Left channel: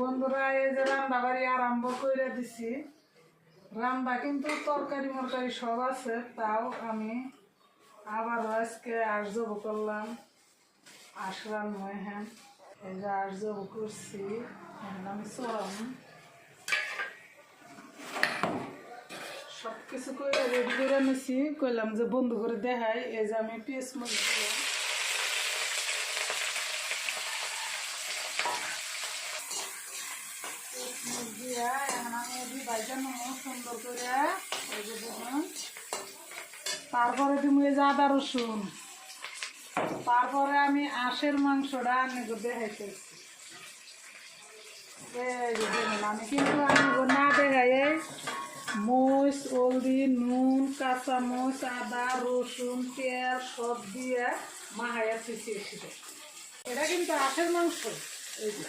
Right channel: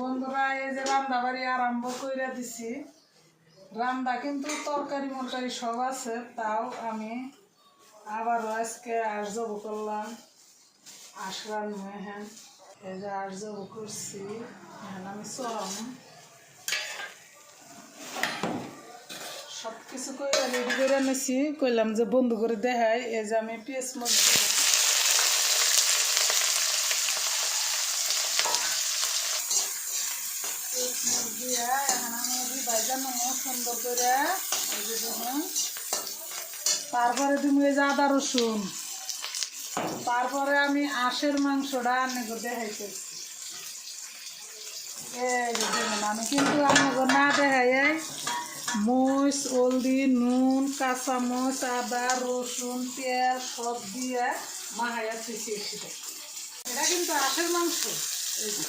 বন্ধুরা এই যে রান্না বাড়ি আরম্ভ করে দিছি। রান্না কিন্তু তরকারি মরকারি সব আছে, তাও আমি আবারও আজকে আর্জব করলাম। আসলাম হ্যাঁ, এই যে আর্জব করছি। এখন আমি চরম সব কিছু করে রেডি করে নিছি। কইলাম যে বন্ধু করে দেখাই। এই যে আমি পেঁয়াজ মরিচ দিলাম, দিয়া এখন আমি ভাইজানো সুন্দর করে এই যে দেখুন। তারপরে তুমি এই যে আদা রসুন, তারপরে আমি আঁশের মাংসটা আনেগো দেখাইতেছি। এই যে দেখুন, আমি কিন্তু আনেগো না দেখাই মরিচ, হলদি, নুন, কাঁচামরিচ, আদা রসুন, পেঁয়াজ সব দিয়ে মাহাইয়া থুইছি। এটা কিন্তু আঁশের মাংস। এই যে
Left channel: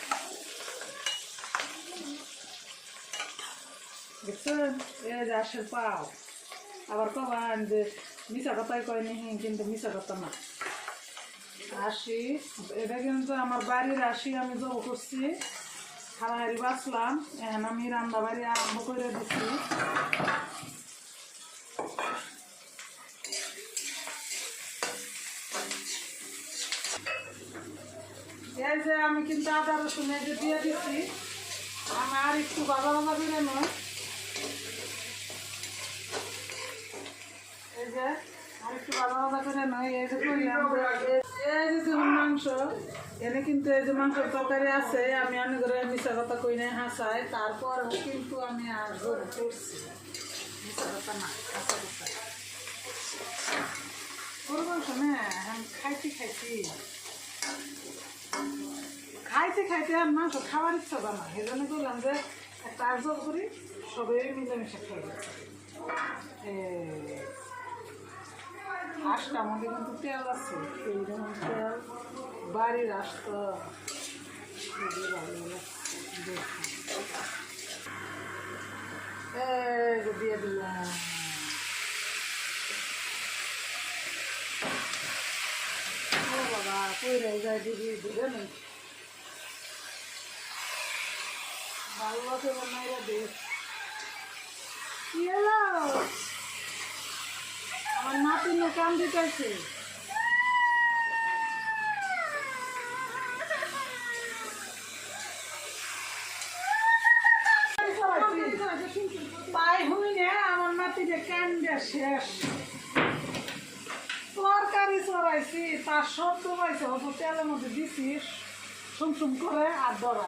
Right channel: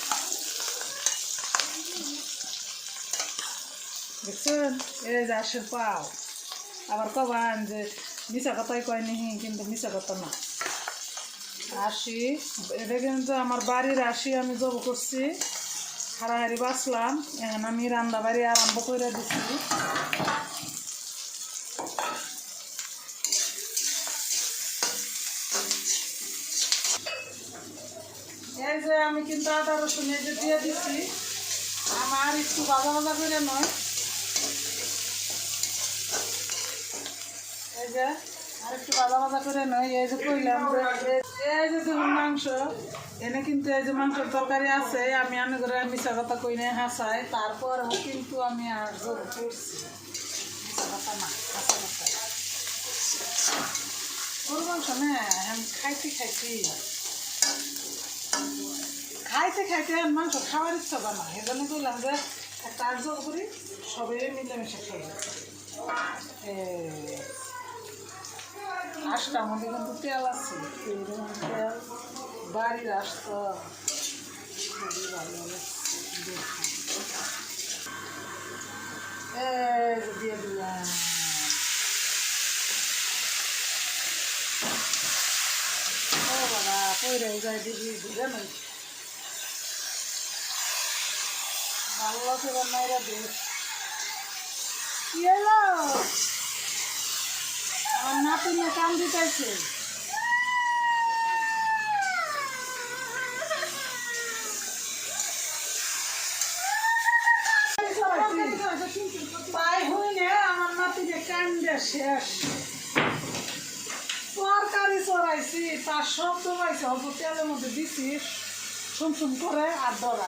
দেখছেন, এই যে আঁশের পাও। আবার কবান যে মিশা কথাই কয় নিহি, কিন্তু মিশা কথা না। আশি, এটা কিন্তু আমার বাড়ির আশি আমি জব করছি। হারাহারি বাঁচলাম। এখন আমি রান্না বাড়ি আরম্ভ করে দিচ্ছি। এই যে আমি কিন্তু আদা রসুন এই যে দিয়ে দিচ্ছি। আমার একটু ভাজা ভাজা করে নয়, এই যে আর একটু ভাজা ভাজা করে নয়। এই যে কইলাম এই যে দেখুন মাংস, এনে কিন্তু এই যে মাংসের তরকারি আছে। আমি আনে করে মিশা কথা কই নাই, হাসাই। তারপরও কিন্তু আমি আর জোর করছি, মিশা কথা না, হাসা কথা। গরু মাংস না খাইতে খাইতে খাইতে খাইতে আর মাংস খাওয়ার ইচ্ছা করে না। সেই জন্য করলাম যে একটা আর জোর করি, সবাই মিলেমিশে খাই। আঁশটার মধ্যে কিন্তু তেল আছে, তেল বাড়ির আঁশ তো খুবই ভালো লাগছে। এই যে দিয়ে দিলাম। ও বাবা, পইরে যায় দিদি দিলে নেই, ভালো করে মাইরা দিস। কি হলো? আমার নাতি না কান দিতেছে। তাই হইলে আমার নাতিকে কান্দে শেষ। তরকারি চড়াইছি, তার শব্দ পাইছে, অল্প তেলের মধ্যে দিছি, সুম সুম করে আর ডরা।